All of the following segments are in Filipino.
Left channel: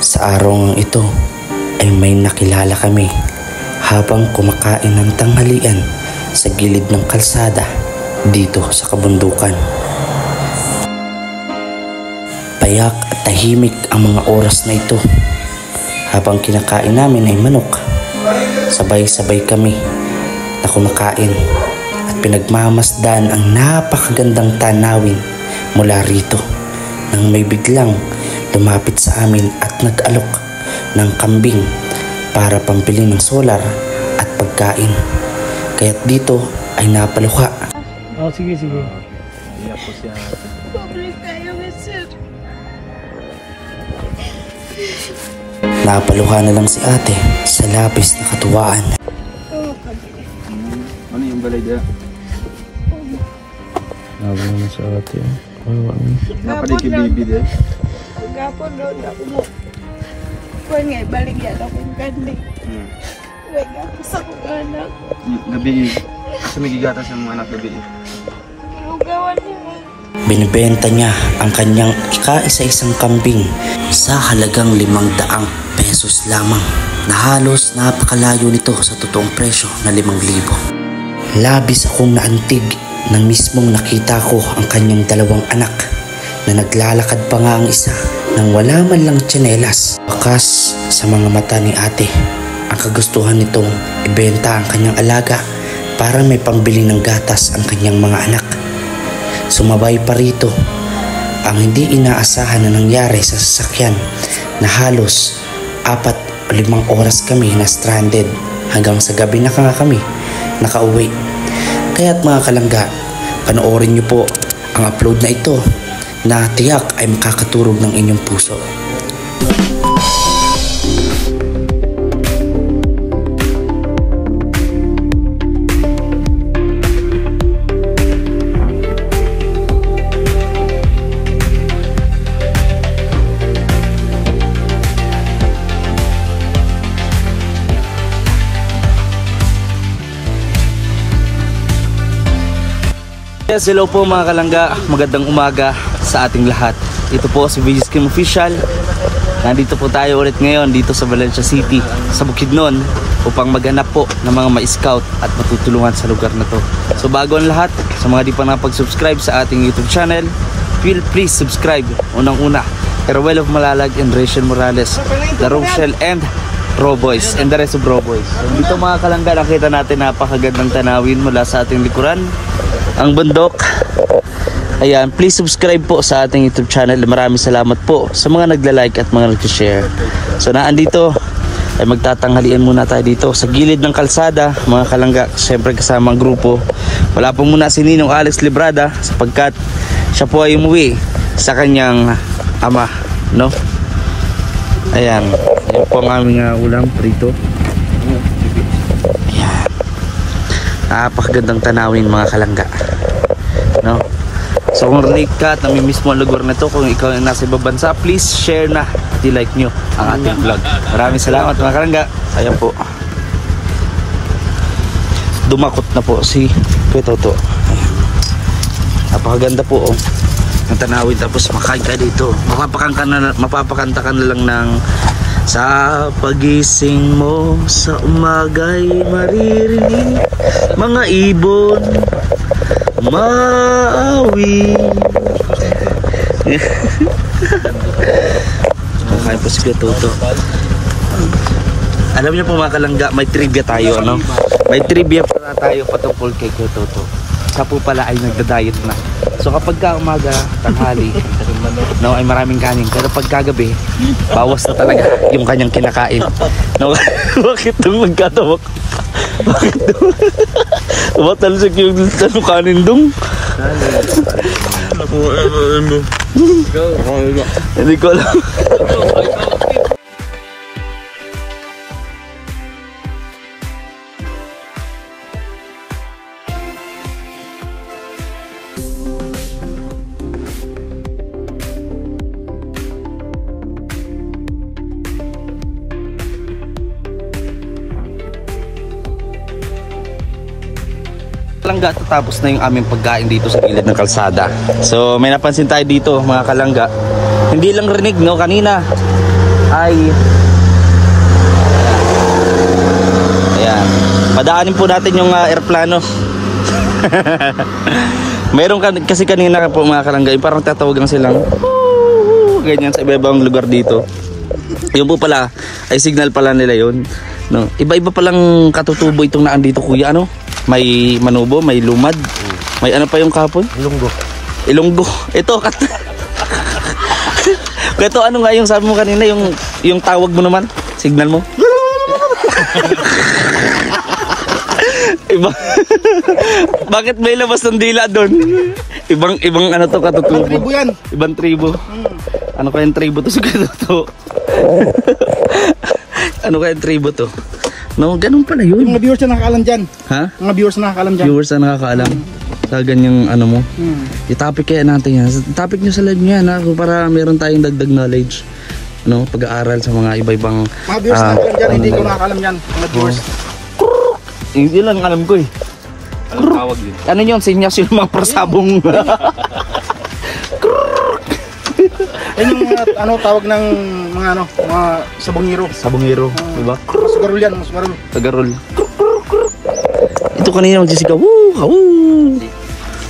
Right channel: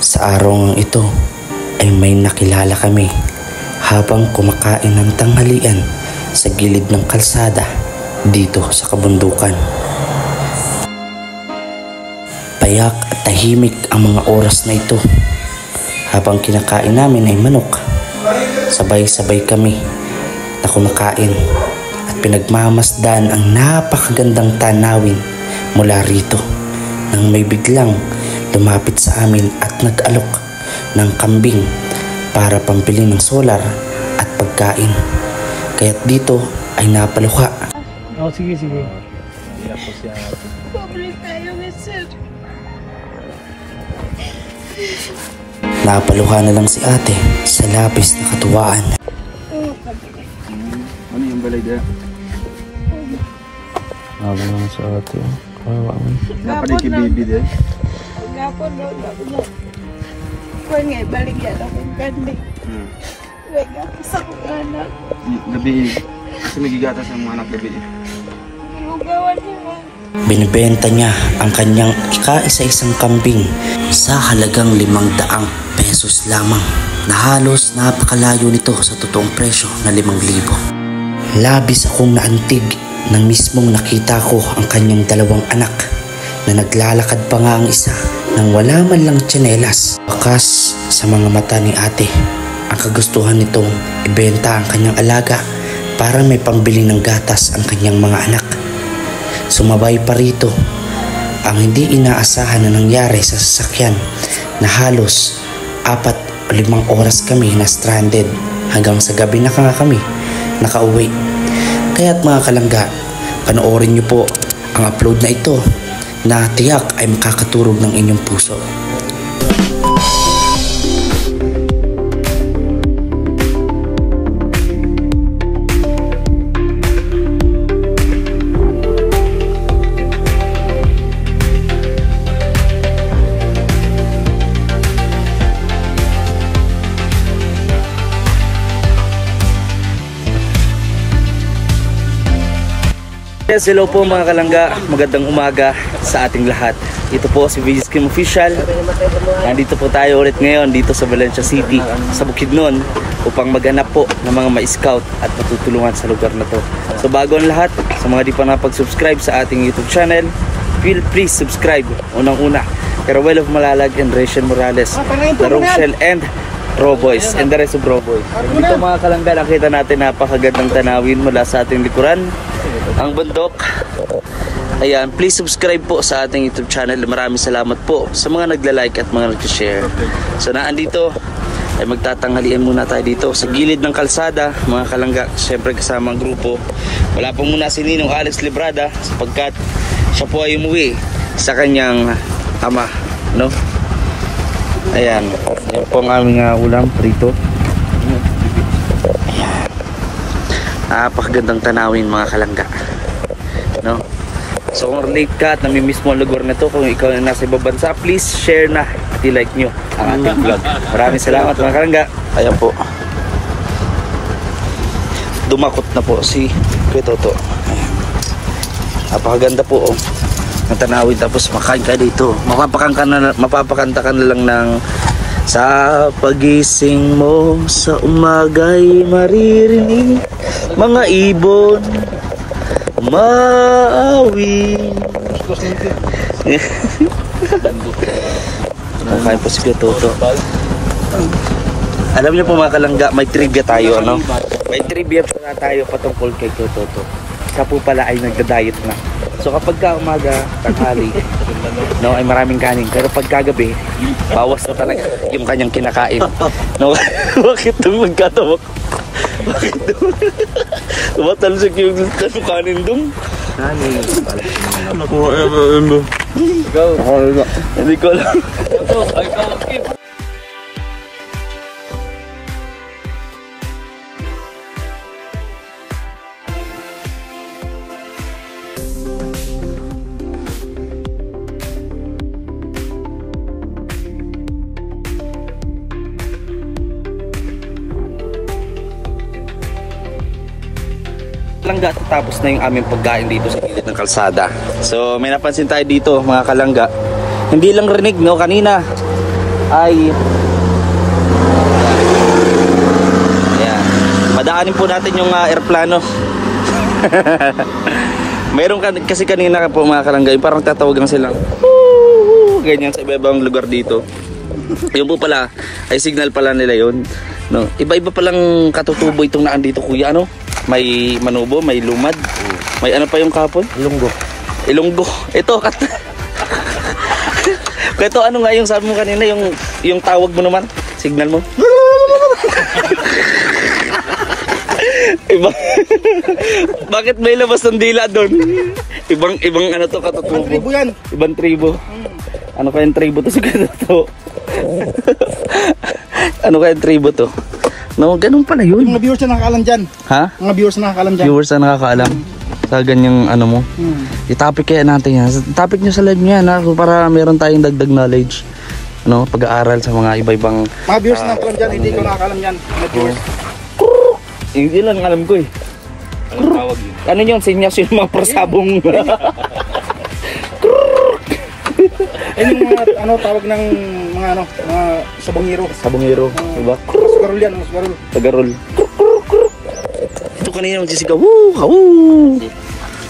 Sa araw ito ay may nakilala kami habang kumakain ng tanghalian sa gilid ng kalsada dito sa kabundukan. Payak at tahimik ang mga oras na ito. Habang kinakain namin ay manok, sabay-sabay kami na kumakain at pinagmamasdan ang napakagandang tanawin mula rito nang may biglang lumapit sa amin at nag-alok ng kambing para pambili ng solar at pagkain. Kaya't dito ay napaluha. Sige. Napaluha na lang si ate sa labis na katuwaan. Ano yung balay dyan? Nabang naman sa ate. Napalig yung baby dyan? Gapon doon ako mo. Kuwan nga, balik yan akong gandhi. Kuwan nga, sa kong anak. Gabi, kasi may gigatas ang mga anak gabi. Inugawan nila. Binibenta niya ang kanyang ika-isa-isang kambing sa halagang 500 pesos lamang, na halos napakalayo nito sa totoong presyo na 5,000. Labis akong naantig nang mismong nakita ko ang kanyang dalawang anak na naglalakad pa nga ang isa nang wala man lang tsinelas. Bakas sa mga mata ni ate ang kagustuhan nitong ibenta ang kanyang alaga para may pambili ng gatas ang kanyang mga anak. Sumabay pa rito ang hindi inaasahan na nangyari sa sasakyan na halos 4 o 5 oras kami na stranded hanggang sa gabi na nga kami nakauwi. Kaya't mga kalangga, panoorin niyo po ang upload na ito na tiyak ay makakaturog ng inyong puso. Yes, hello po mga kalangga, magandang umaga sa ating lahat. Ito po si VJ Kim Official. Nandito po tayo ulit ngayon dito sa Valencia City, sa Bukidnon, upang maghanap po ng mga ma-scout at matutulungan sa lugar na to. So bago ang lahat, sa mga di pa nakapag-subscribe sa ating YouTube channel, please subscribe. Unang-una, Carawel of Malalag and Rachel Morales, The Rochelle and Roboys, and the rest of Roboys. So dito mga kalangga, nakita natin napakagandang tanawin mula sa ating likuran, ang bundok. Ayan, please subscribe po sa ating YouTube channel. Maraming salamat po sa mga nagla-like at mga nag-share. So naandito ay magtatanghalian muna tayo dito sa gilid ng kalsada mga kalangga, syempre kasama ang grupo. Wala po muna si Ninong Alex Librada sapagkat siya po ay umuwi sa kanyang ama, no? Ayan, yan po ang aming ulam rito. Ayan, napakagandang tanawin mga kalangga, no? So kung relate ka at namimiss mo ang lugar na ito, kung ikaw ay nasa ibang bansa, please share na at i-like nyo ang ating vlog. Maraming salamat mga kalangga. Ayan po, dumakot na po si Kuya Toto. Napakaganda po ang tanawin, tapos makain ka dito, mapapakanta ka na lang ng sa pagising mo sa umaga'y maririnig mga ibon maawi. Makain po si Kuya Toto. Alam niyo po mga kalangga, may trivia tayo, ano? May trivia para tayo patungkol kay Kuya Toto. Siya po pala ay nagda-diet na. So kapag ka umaga, tanghali, no, ay maraming kanin. Pero pagkagabi, bawas na talaga yung kanyang kinakain. No, bakit itong magkatawak? Bakit itong tumatalsik yung kanin dong? Hindi ko alam. Kalangga, tapos na yung aming pagkain dito sa gilid ng kalsada. So may napansin tayo dito mga kalangga, hindi lang rinig, no, kanina ay ayan. Padaanin po natin yung airplano. Mayroon kasi kanina po mga kalangga, parang tatawagan silang ganyan sa iba-ibang lugar dito. Yun po pala ay signal pala nila yun, no? Iba-iba palang katutubo itong naan dito, kuya, ano? May manubo, may lumad, may ano pa yung kapon? Ilonggo. Ito ito ano nga yung sabi mo kanina, yung tawag mo naman, signal mo. Iba. Bakit may labas ng dila doon? Ibang ano to, katutubo. Ibang tribo yan. Ibang tribo. Ano kayang tribo to sa katutubo? Ano kayang tribo to? No, ganun pala yun. Yung mga viewers na nakakaalam dyan. Ha? Mga viewers na nakakaalam dyan. Viewers na nakakaalam. Sa ganyang ano mo. I-topic kaya natin yan. Topic nyo sa live nyo yan, ha? Para meron tayong dagdag knowledge. Ano, pag-aaral sa mga iba-ibang Mga viewers na nakakaalam dyan, hindi ko nakakaalam dyan. Mga viewers. Yun lang alam ko eh. Anong tawag yun? Ano yun? Sinyas yung mga persabong. Yan yung mga ano, tawag ng mga ano, mga sabongero. Sabongero, diba? Sugarol yan, sugarol. Tagarol. Ito kanina magsisigaw. Woo! Woo!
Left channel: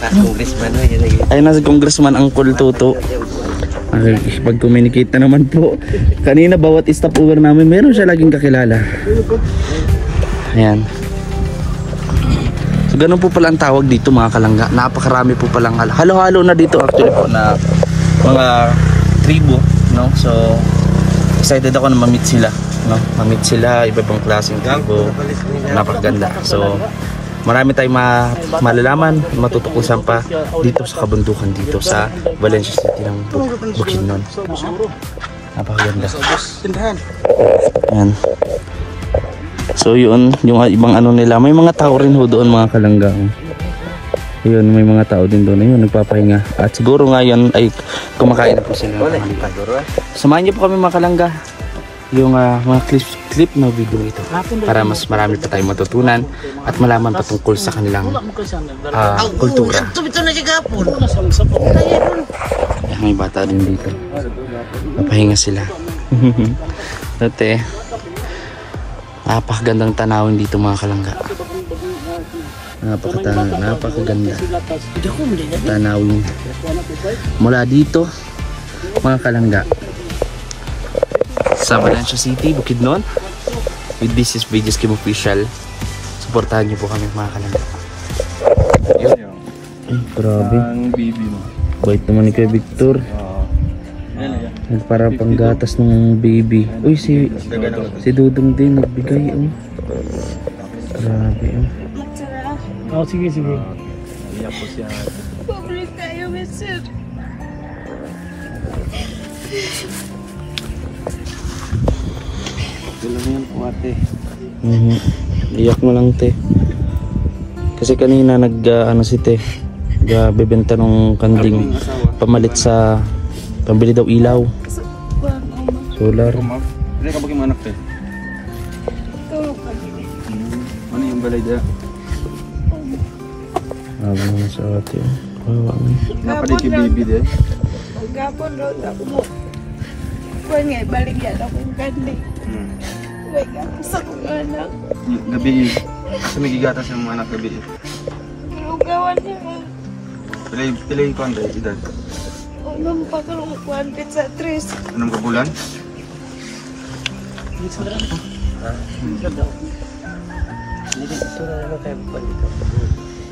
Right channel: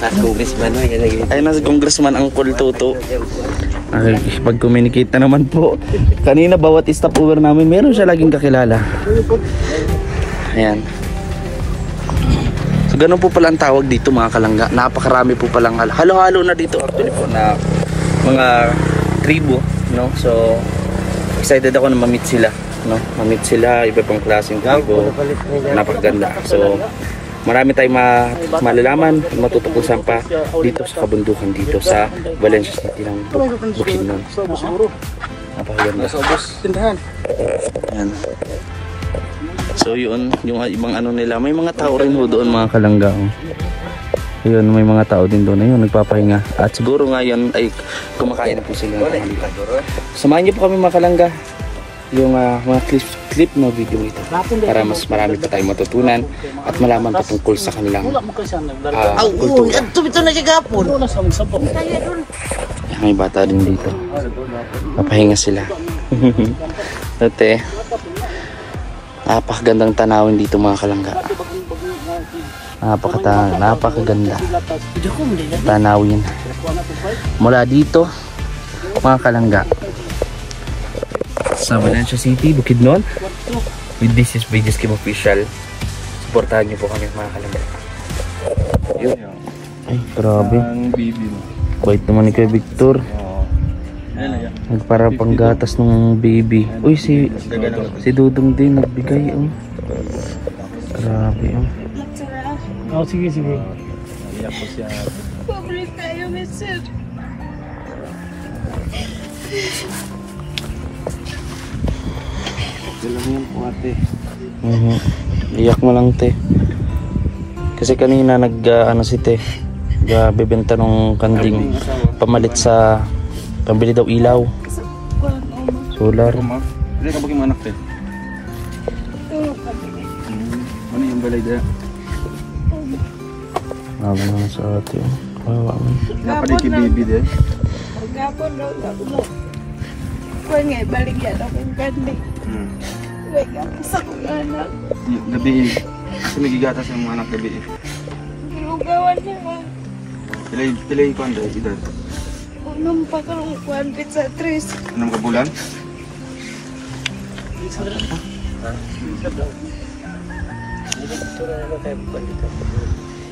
Congressman. Ayun na si Congressman Uncle Toto. Ay, pag-communicate na naman po. Kanina bawat stopover namin meron siya laging kakilala. Ayan. So ganun po pala ang tawag dito mga kalangga. Napakarami po palang halo-halo na dito actually po na mga tribo, no? So excited ako na ma-meet sila, no? Ma-meet sila, iba-ibang klaseng tribo. Napakaganda. So marami tayong malalaman, matutukusan pa dito sa kabundukan dito sa Valencia City ng Bukidnon. Napakaganda. Ayan. So yun, yung ibang ano nila, may mga tao rin ho doon mga kalangga. Yun, may mga tao din doon, ayun, nagpapahinga. At siguro ngayon ay kumakain na po sila. Samahan niyo po kami mga kalangga, yung mga clip na video ito, para mas marami pa tayong matutunan at malaman pa tungkol sa kanilang kultura. May bata din dito, papahinga sila. Dati napakagandang tanawin dito mga kalangga. Napakaganda tanawin mula dito mga kalangga sa Valencia City, Bukidnon. With this is VJ's Kim Official. Supportahan niyo po kami mga kalangga. Yun. Ay, grabe. Bait naman ni Kuya Victor. Para panggatas ng baby. Uy, si Dudong din nagbigay. Oh. Grabe. Oh. Sige. Pobre tayo, mister. Iyak mo lang, te. Kasi kanina ano si te, bebenta ng kanding pamalit sa pambili daw ilaw. Solar. Hindi ka bagay manak, te? Ano yung balay dyan? Naman naman sa ate. Napaday kay baby dyan? Gapon daw ako mo. Kuan nga balik yan akong kandi. Uy, gapon sa kong anak. Gabi, asa may gigatas yung mga anak gabi. Giugawan niya. Pilay ko ang edad. Unang pa karong kuan pizza 3. Anong kabulan?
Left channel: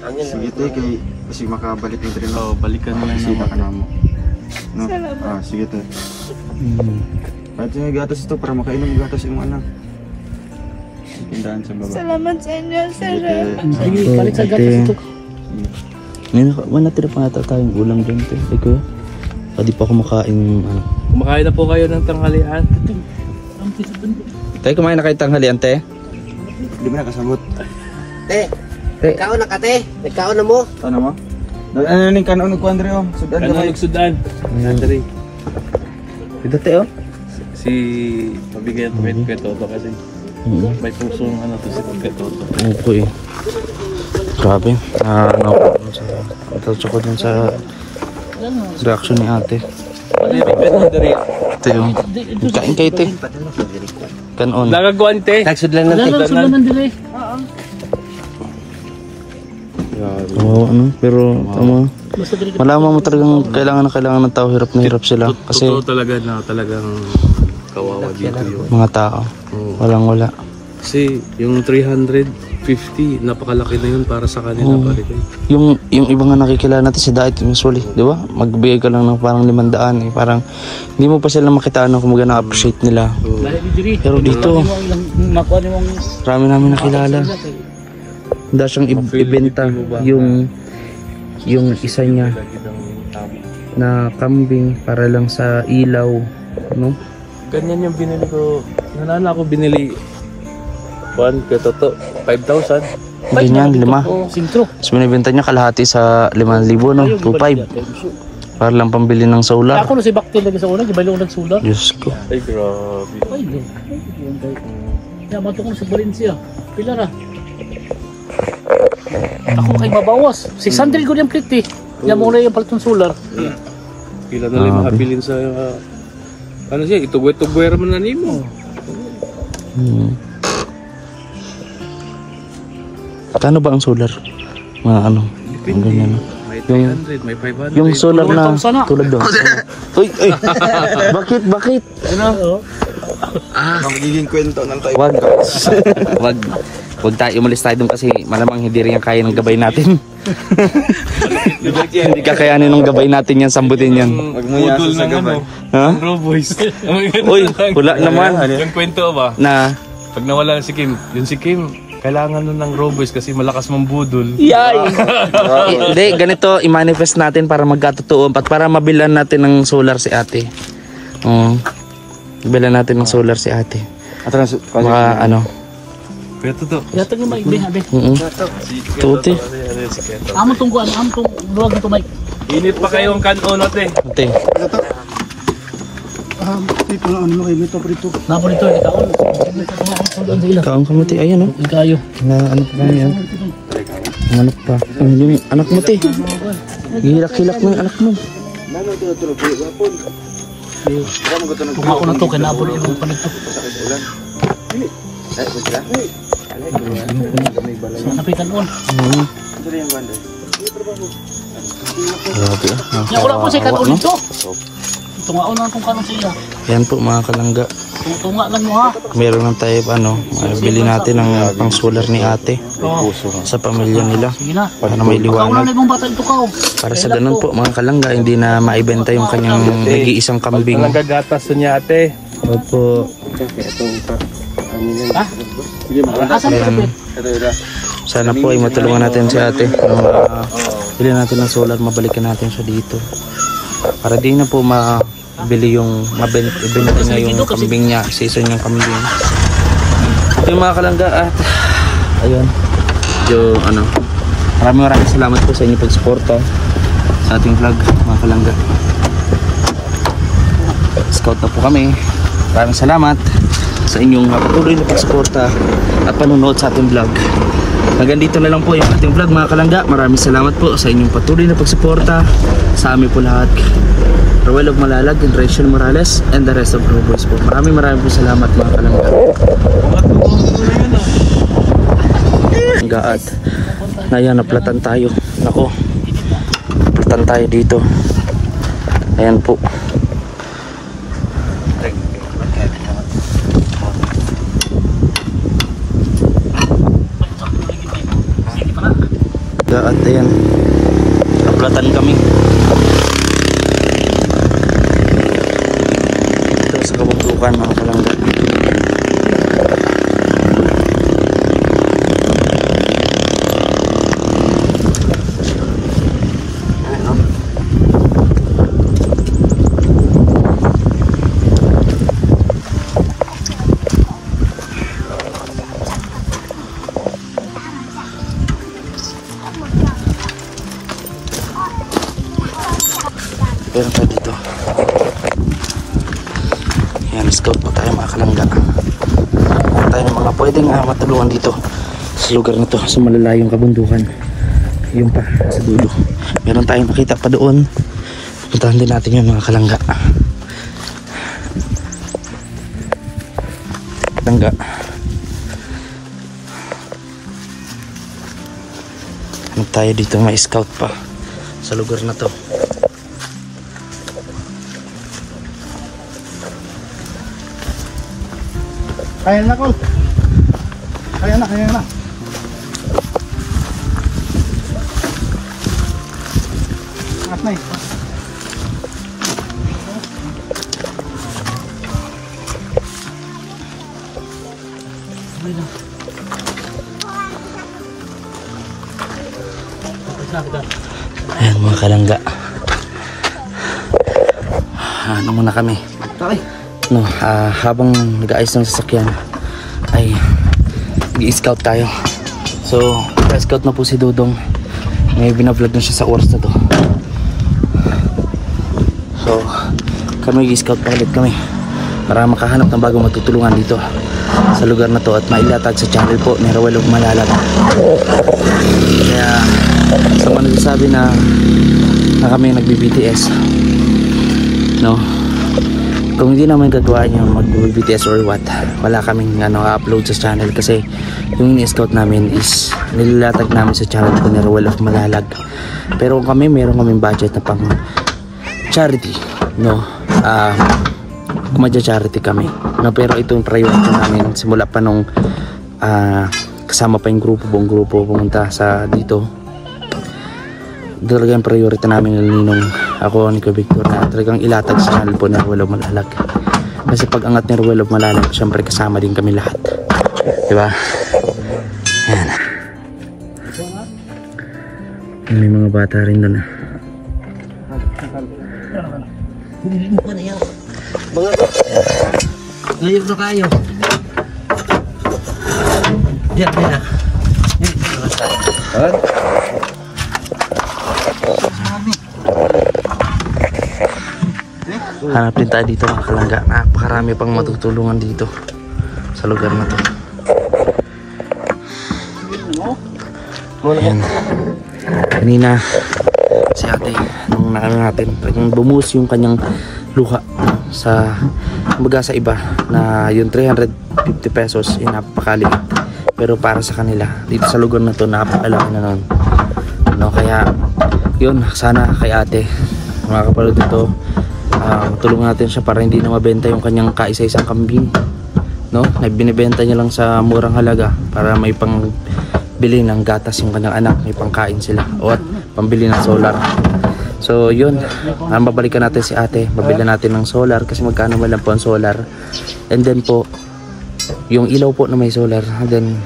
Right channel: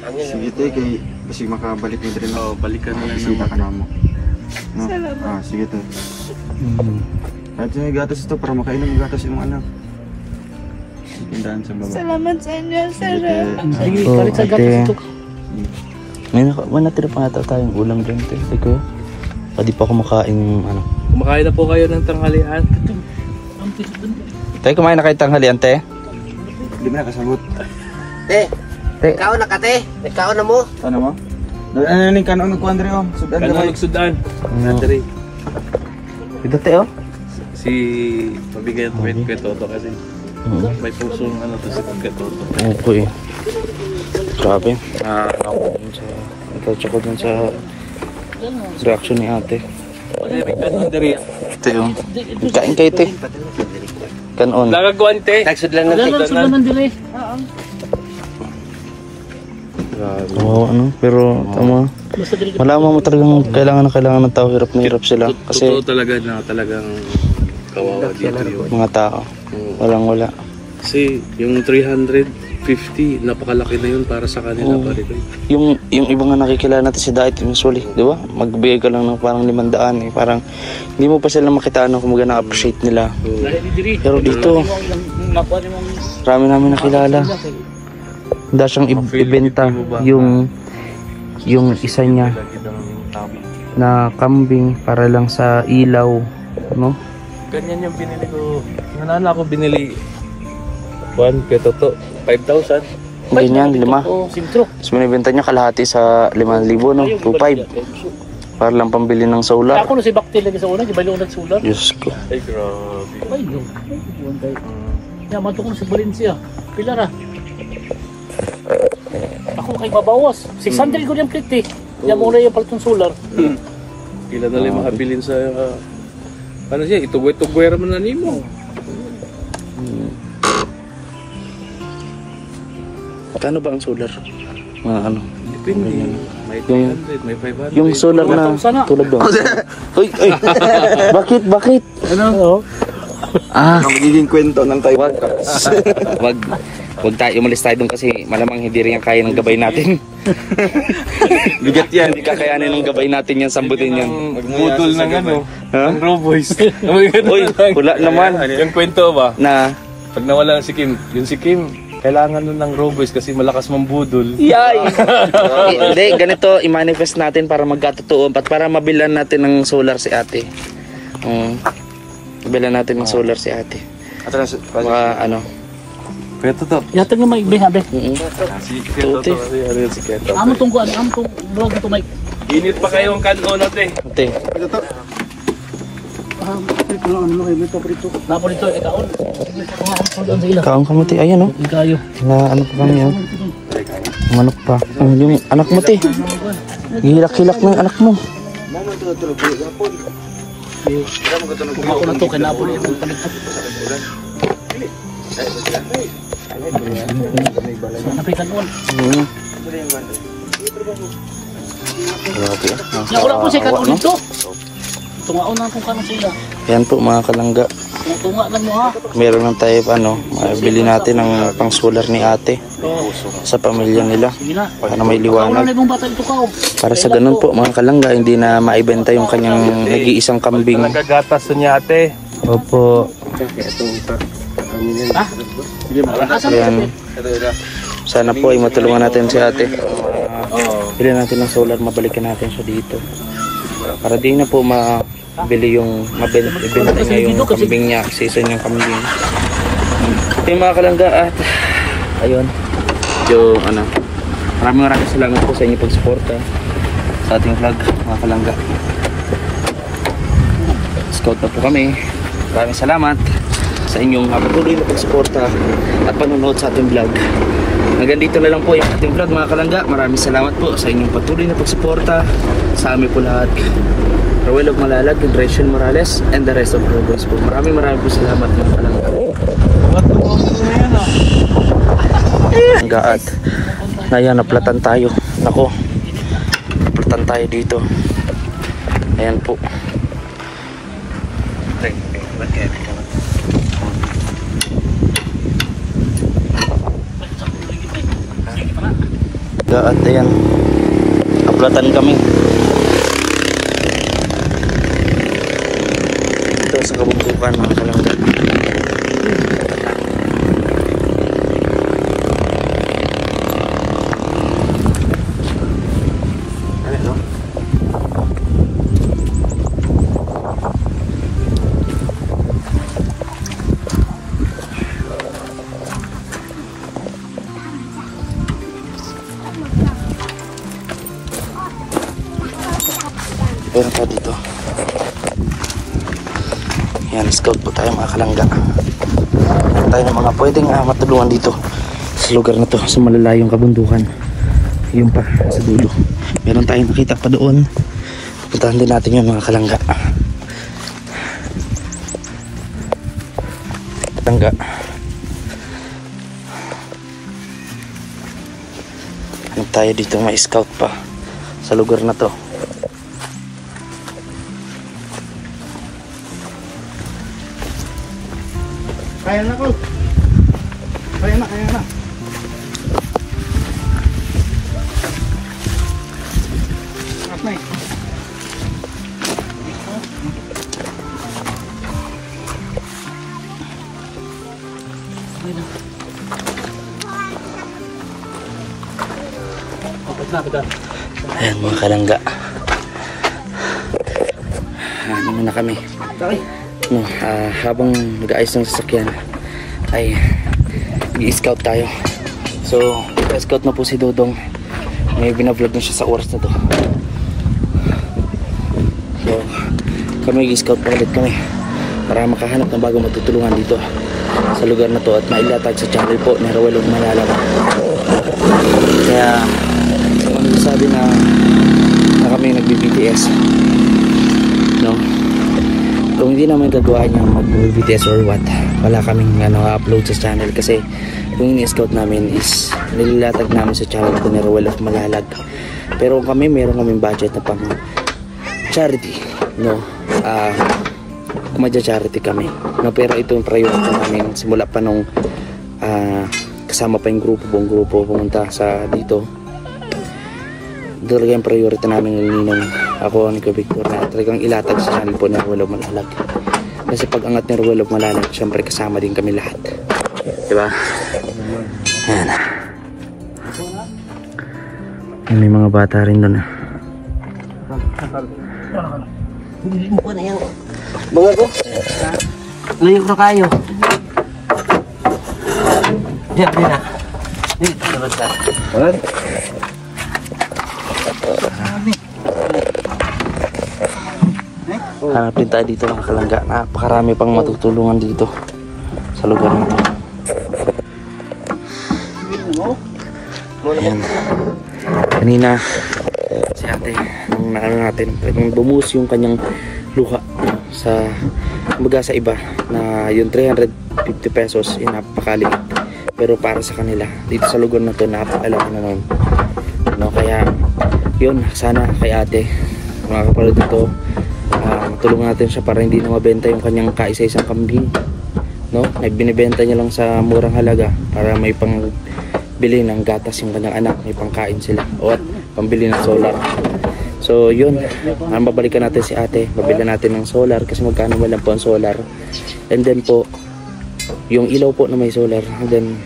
Sige te, kay kasi makabalik mo rin ako. Balikan mo lang naman. Ka na mo. No? Salamat. Sige te. Kahit yung gatas ito para makainom yung gatas yung anak. Tindahan sa baba. Salamat sa inyo, sir. Sige, kalit sa gatas ito. Ngayon, natira pa nga tayong ulam dyan, te. Ay, kuya. Pwede pa kumakain yung ano. Kumakain na po kayo ng tanghalian. Tayo kumain na kayo tanghalian, te. Hindi mo nakasagot. Te, ikaw na ka, te. Ikaw na mo. Ano mo? Ano yung kanon ko, Andre? Sudan ka rin. Sudan. Ito, te, oh. Si mabigyan ko kay Toto kasi may pusong ano to si kay Toto. Okay. Grabe. Ito ko dun sa reaction ni ate. Ito yung kain kayo ito. Kanon. Nagaguan te. Tagsud lang ng tignan. Oo, ano, pero tama. Malaman mo talagang kailangan ng tao, hirap na hirap sila. Kasi Totoo talaga na talagang kawawa dito yung mga tao, wala. kasi yung 350, napakalaki na yun para sa kanila pa rin. Yung iba nga nakikilala natin si Diet usually, di ba? Magbigay ka lang ng parang 500, parang hindi mo pa sila makitaan kung magana appreciate nila. Pero dito, marami namin nakilala. Hindi siyang ibenta yung isa niya na kambing para lang sa ilaw, no? Ganyan yung binili ko. Yung nana ko binili 1 kaya toto 5,000. Ganyan, 5. Sintro. Tapos binibenta niya kalahati sa 5,000, no? 2,500. Para lang pambili ng solar. Ako no si Bakti lagi sa una, di bali ulag sular. Diyos ko. Ay grabe. Ay, ya matukon sa Valencia. Pila ra? Ako kay mabawas. 600 ko yung plate eh. Yan mo na yung palatong solar. Pila na lang makabilin sa ano siya, itugwe-tugwe raman na nimo. Kano ba ang solar? Mga ano? Depende. Ganyan, no? May 300, may 500. Yung solar na tulad doon. Uy, bakit? Ano? Ang magiging kwento ng tayo. Wag tayo umalis tayo doon kasi malamang hindi rin yan kaya ng gabay natin. Hindi kakayanin ng gabay natin yan, sambutin yan. Budol ng ano, Ha? ng Roboys. Uy, wala naman. Yung kwento ba? Na, Pag nawala si Kim, yun si Kim, kailangan nun ng Roboys kasi malakas mambudol. yay! Hindi, ganito, i-manifest natin para magkatotoo at para mabilan natin ng solar si ate. Mabilan natin ng solar si ate. Mga ano. Kaya totoo. Yata nga may bihabe. Tuti. Amo tong kuan, amo tong duwag ito may. Init pa kayong kanon natin. Ate. Nabo dito kita on. Sa ila. Kaong kamuti. Ayan oh. Ikayo. Na ano pa kami yan? Manok pa. Yung anak mo te. Hilak-hilak ng anak mo. Ako na to kay nabo na ibang palit to. Napitan on. Grabe ah. Wala po siya kanon no? dito. Tungaon na kung kanon sa ila. Yan po mga kalangga. Tunga lang mo ha. Meron ng tayo ano, bili natin ng pang solar ni ate sa pamilya nila Sige na. para may Wala liwanag. na ibang bata ito ka. Para sa ganun po mga kalangga, hindi na maibenta yung kanyang nag-iisang kambing. Nagagatas niya ate. Opo. Ha? Asan Ayan. mo? Sana po ay matulungan natin si ate. Kung bili natin ng solar, mabalikan natin siya dito. Para di na po mabili yung mabenta niya yung kambing niya, season yung kambing. Yung mga kalangga at ayun. Yung ano, maraming salamat po sa inyo pag-suporta sa ating vlog mga kalangga. Scout na po kami. Maraming salamat sa inyong patuloy na pagsuporta at panunood sa ating vlog. Hanggang dito na lang po yung ating vlog mga kalangga. Maraming salamat po sa inyong patuloy na pagsuporta sa amin po lahat. Roel of Malalag and Rachel Morales and the rest of Roboys po. Maraming po salamat mga kalangga. At ngayon naplatan tayo. Nako, naplatan tayo dito. Ayan po. At ayan, naplatan kami ito sa kabundukan mga kalangga. Meron pa dito. Yan, scout po tayo mga kalangga. Tayo ng mga pwedeng matulungan dito sa lugar na to, sa malalayong kabundukan. Yung pa sa dulo. Meron tayong makita pa doon Puntahan din natin yun mga kalangga. Kalangga. Hanap tayo dito, may scout pa sa lugar na to. Ayan na ko. Ayan na. At na Ayan mga kalangga. Ano muna kami. No, habang nag-aayos ng sasakyan ay i-scout tayo. So, scout na po si Dodong. May binablog na siya sa oras na to. So, kami i-scout pa ulit kami para makahanap ng bagong matutulungan dito sa lugar na to at mailatag sa channel po ni Roel of Malalag. Kaya sa mga nagsasabi na kami nagbi-BTS, no, kung hindi naman gagawa niya mag-BTS or what, wala kaming upload sa channel kasi yung ni-scout namin is nilalatag namin sa channel ko ni Roel of Malalag. Pero kami meron kaming budget na pang charity, no, kumadya-charity kami, no, pero itong priority namin simula pa nung kasama pa yung buong grupo pumunta sa dito. Talagang priority namin ng ako ni Victor na talagang ilatag sa channel po ni Roel of Malalag. Kasi pag angat ni Roel of Malalag, syempre kasama din kami lahat, diba? Ayan. May mga bata rin doon. Mga bro, layok na kayo. Yan, yan. Hanap din tayo dito mga kalangga. Napakarami pang matutulungan dito sa lugar na to. Ayan. Kanina si ate nung naano natin, talagang bumuhos yung kanyang luha sa kumbaga sa iba na yung 350 pesos napakaliit, pero para sa kanila dito sa lugar na to napakalaki na nun, no? Kaya yun, sana kay ate mga kapalod dito, tulungan natin siya para hindi na mabenta yung kanyang kaisa-isang kambing, no? Binibenta niya lang sa murang halaga para may pang bili ng gatas yung kanyang anak, may pangkain sila o at pambili ng solar. So yun, babalikan natin si ate, babili natin ng solar kasi magkano ba lang po ang solar, and then po yung ilaw po na may solar, and then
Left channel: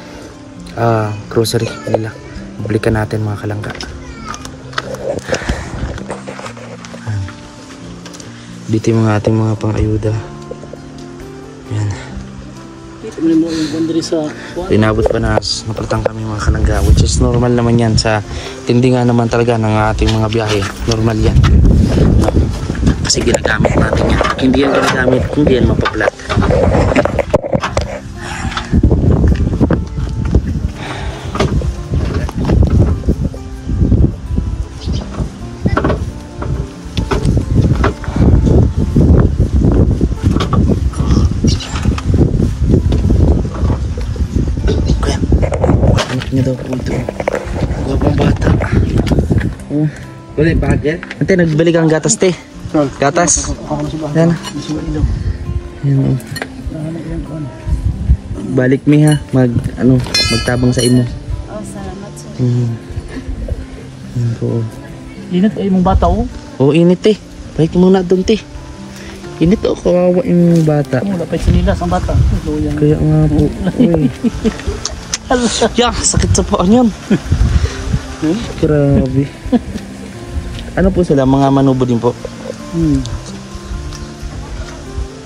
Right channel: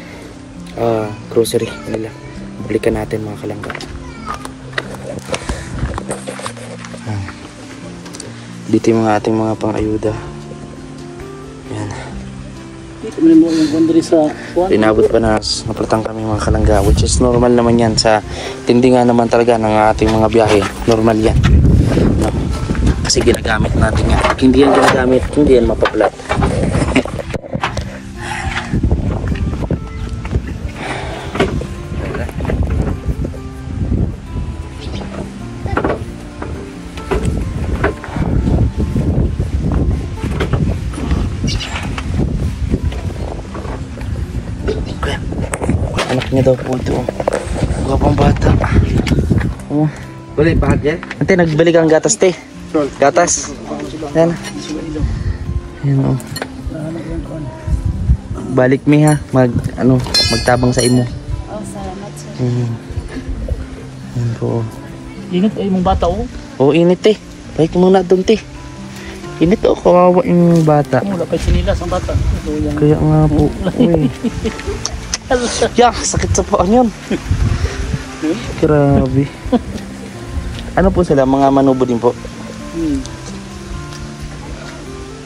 grocery nila babalikan natin mga kalangga. Dito yung mga ating mga pang-ayuda. Yan. Pinabot pa na napalitan kami mga kalangga, which is normal naman yan sa tindingan naman talaga ng ating mga biyahe. Normal yan, no? Kasi ginagamit natin yan. Hindi yan ginagamit, hindi yan mapaplat. Anak niya daw po ito. Gawang bata. Oh. Boleh bahagia? Ante, nagbalik ang gatas, te. Gatas. Yan. Yan. Balik mi ha. Magtabang sa imo. Oh, salamat sir. Yan po. Init ay mong bata oh. Oh, init te. Balik muna doon te. Init oh, kawawa yung bata. Wala pa sinilas ang bata. Kaya nga po. Uy. Yeah, sakit sa paan yan. Grabe. Ano po sila? Mga manubo din po.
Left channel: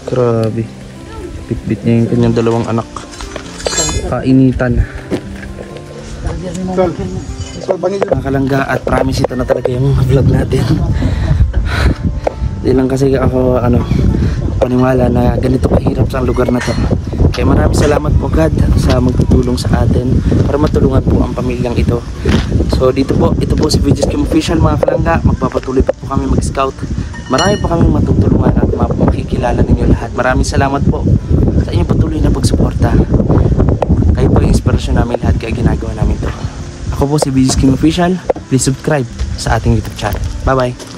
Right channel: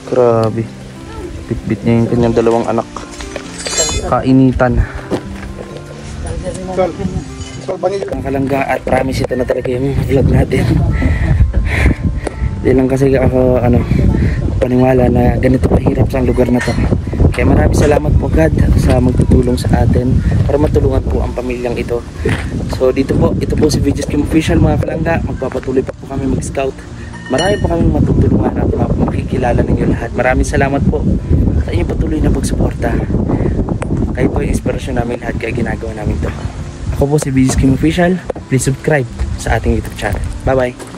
Grabe. Bit-bit niya yung kanyang dalawang anak. Kainitan. Ang kalangga at promise ito na talaga yung vlog natin. Hindi lang kasi ako paniwala na ganito kahirap sa lugar na to. Kaya maraming salamat po God sa magtutulong sa atin para matulungan po ang pamilyang ito. So dito po, ito po si VJ's Kim Official mga kalangga. Magpapatuloy pa po kami mag-scout marami pa kami matutulungan at makikilala ninyo lahat. Maraming salamat po sa inyong patuloy na pagsuporta. Kayo po yung inspirasyon namin lahat kaya ginagawa namin to. Ako po si VG's King Official. Please subscribe sa ating YouTube channel. Bye bye.